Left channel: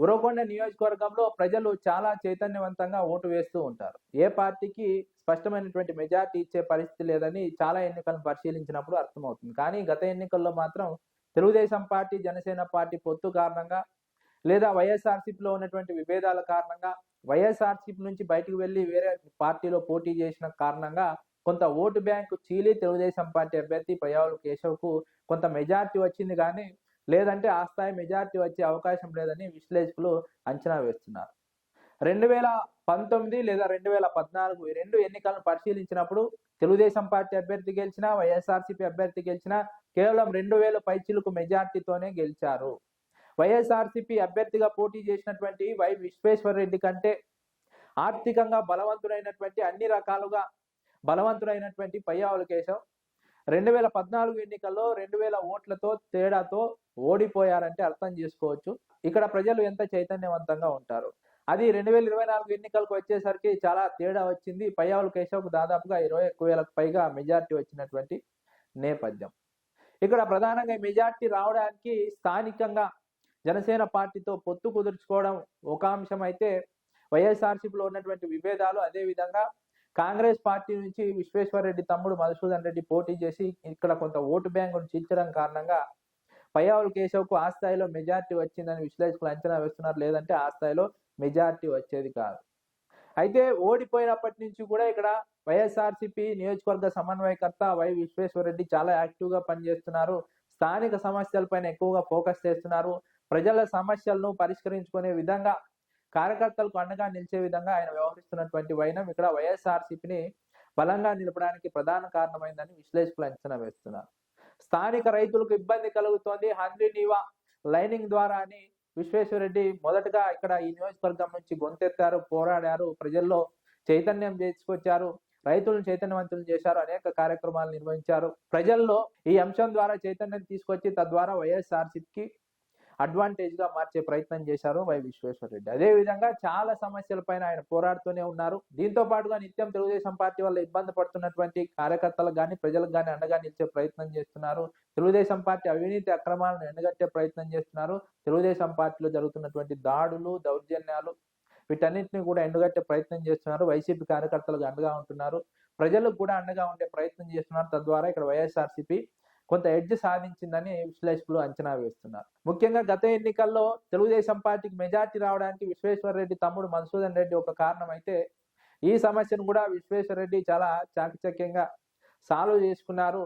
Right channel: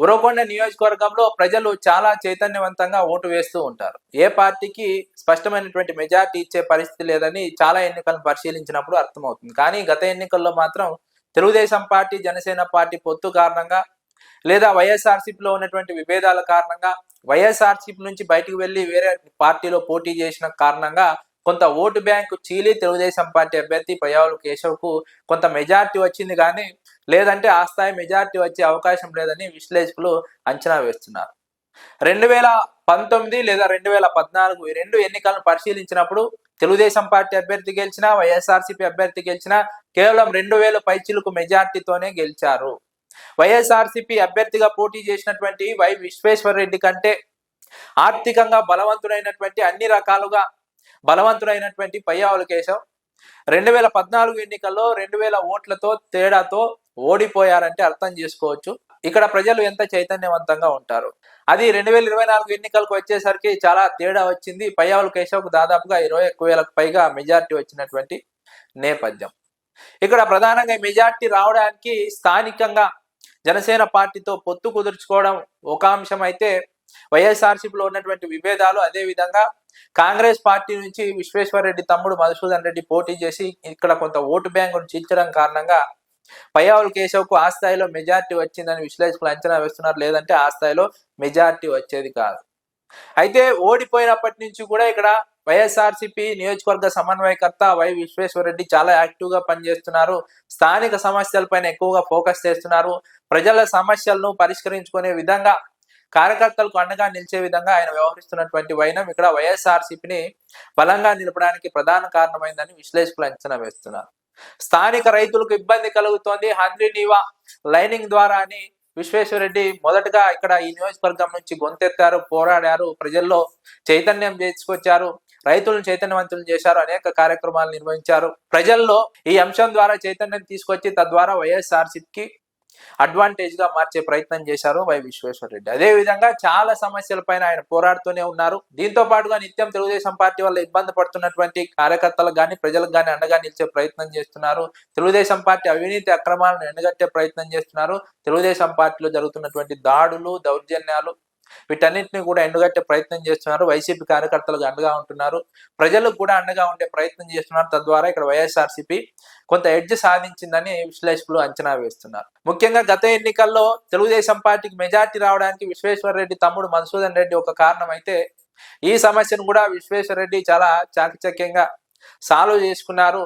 ఉరవకొండ నియోజకవర్గంలో ప్రజలు చాలా చైతన్యవంతంగా ఓటు వేస్తూ ఉంటారు. ఏ పార్టీకి స్పష్టమైనటువంటి మెజారిటీ ఇచ్చే పరిస్థితి లేదని చాలా ఎన్నికలను పరిశీలించినప్పుడు అర్థమవుతుంది. కానీ గత ఎన్నికల్లో మాత్రం తెలుగుదేశం పార్టీ, జనసేన పార్టీ పొత్తు కారణంగా లేదా వైఎస్ఆర్‌సీపీలో ఉన్నటువంటి విభేదాల కారణంగా, వైఎస్ఆర్‌సీపీ నుంచి బయటికి వెళ్లి వేరే పార్టీలో పోటీ చేసిన కారణంగా కొంత ఓటు బ్యాంకు చీలి తెలుగుదేశం పార్టీ అభ్యర్థి పయ్యావుల కేశవ్‌కు కొంత మెజారిటీ వచ్చింది గానీ, లేదంటే ఆ స్థాయి మెజారిటీ వచ్చే అవకాశం లేదని విశ్లేషకులు అంచనా వేస్తున్నారు. 2019 లేదా 2014 ఈ 2 ఎన్నికలను పరిశీలించినప్పుడు తెలుగుదేశం పార్టీ అభ్యర్థి గెలిచినా, వైఎస్ఆర్‌సీపీ అభ్యర్థి గెలిచినా కేవలం 2000 పైచిలుకు మెజారిటీతోనే గెలిచారు. వైఎస్ఆర్‌సీపీ అభ్యర్థిగా పోటీ చేసినటువంటి వై విశ్వేశ్వరరెడ్డి కంటే ఆర్థికంగా బలవంతుడైనటువంటి అన్ని రకాలుగా బలవంతుడైనటువంటి పయ్యావుల కేశవ్ 2014 ఎన్నికల్లో 2000 ఓట్లతో తేడాతో ఓడిపోయారంటే అర్థం చేసుకోవచ్చు ఇక్కడ ప్రజలు ఎంత చైతన్యవంతంగా ఉంటారు. అది 2024 ఎన్నికలకు వచ్చేసరికి చాలా తేడా వచ్చింది. పయ్యావుల కేశవ్‌కు దాదాపుగా 21,000కు పైగా మెజారిటీ వచ్చినటువంటి నేపథ్యం. ఇక్కడ ప్రధానంగా మెజారిటీ రావడానికి స్థానికంగా జనసేన పార్టీతో పొత్తు కుదుర్చుకోవడం ఒక అంశం అయితే, వైఎస్ఆర్‌సీపీలో ఉన్నటువంటి విభేదాలు, అదే విధంగా కాంగ్రెస్ పార్టీ నుంచి విశ్వేశ్వరరెడ్డి తమ్ముడు మధుసూదన్ రెడ్డి పోటీ చేసి ఇక్కడ కొంత ఓటు బ్యాంకును చీల్చడం కారణంగా పయ్యావుల కేశవ్‌కు ఆ స్థాయిలో మెజారిటీ వచ్చిందని విశ్లేషకులు అంచనా వేస్తున్నారు. లేదంటే ఆ స్థాయిలో మెజారిటీ వచ్చేది కాదు. అయితే ఓడిపోయినప్పటి నుంచి కూడా ఇక్కడ వైఎస్ఆర్‌సీపీ నియోజకవర్గ సమన్వయకర్త వై విశ్వేశ్వరరెడ్డి చాలా యాక్టివ్‌గా పనిచేస్తున్నారు. స్థానిక సమస్యలపైన ఎక్కువగా ఫోకస్ చేస్తున్నారు. ప్రజల సమస్యలను పరిష్కరించుకునే విధంగా, కార్యకర్తలకు అండగా నిలిచే విధంగా ఆయన వ్యవహరిస్తున్నటువంటి వైనం ఇక్కడ వైఎస్ఆర్‌సీపీని బలంగా నిలపడానికి ప్రధాన కారణమైందని విశ్లేషకులు అంచనా వేస్తున్నారు. స్థానిక రైతులకు ఇబ్బంది కలుగుతోంది హంద్రీ నీవా లైనింగ్ ద్వారా అని విశ్వేశ్వరరెడ్డి మొదటగా ఇక్కడ ఈ నియోజకవర్గం నుంచి గొంతెత్తారు, పోరాడారు, ప్రజల్లో చైతన్యం తీసుకొచ్చారు, రైతులను చైతన్యవంతులు చేశారు, అనేక కార్యక్రమాలు నిర్వహించారు. ప్రజల్లో ఈ అంశం ద్వారా చైతన్యం తీసుకొచ్చి తద్వారా వైఎస్ఆర్‌సీపీకి అడ్వాంటేజ్ గా మార్చే ప్రయత్నం చేశారు వై విశ్వేశ్వరరెడ్డి. అదే విధంగా చాలా సమస్యలపైన ఆయన పోరాడుతూనే ఉన్నారు. దీంతో పాటుగా నిత్యం తెలుగుదేశం పార్టీ వల్ల ఇబ్బంది పడుతున్నటువంటి కార్యకర్తలకు గాని, ప్రజలకు గాని అండగా నిలిచే ప్రయత్నం చేస్తున్నారు. తెలుగుదేశం పార్టీ అవినీతి అక్రమాలను ఎండగట్టే ప్రయత్నం చేస్తున్నారు. తెలుగుదేశం పార్టీలో జరుగుతున్నటువంటి దాడులు, దౌర్జన్యాలు వీటన్నిటిని కూడా ఎండగట్టే ప్రయత్నం చేస్తున్నారు. వైసీపీ కార్యకర్తలకు అండగా ఉంటున్నారు. ప్రజలకు కూడా అండగా ఉండే ప్రయత్నం చేస్తున్నారు. తద్వారా ఇక్కడ వైఎస్ఆర్‌సీపీ కొంత ఎడ్జ్ సాధించిందని విశ్లేషకులు అంచనా వేస్తున్నారు. ముఖ్యంగా గత ఎన్నికల్లో తెలుగుదేశం పార్టీకి మెజారిటీ రావడానికి విశ్వేశ్వరరెడ్డి తమ్ముడు మధుసూదన్ రెడ్డి ఒక కారణం అయితే, ఈ సమస్యను కూడా విశ్వేశ్వరరెడ్డి చాలా చాకచక్యంగా సాల్వ్ చేసుకున్నారు.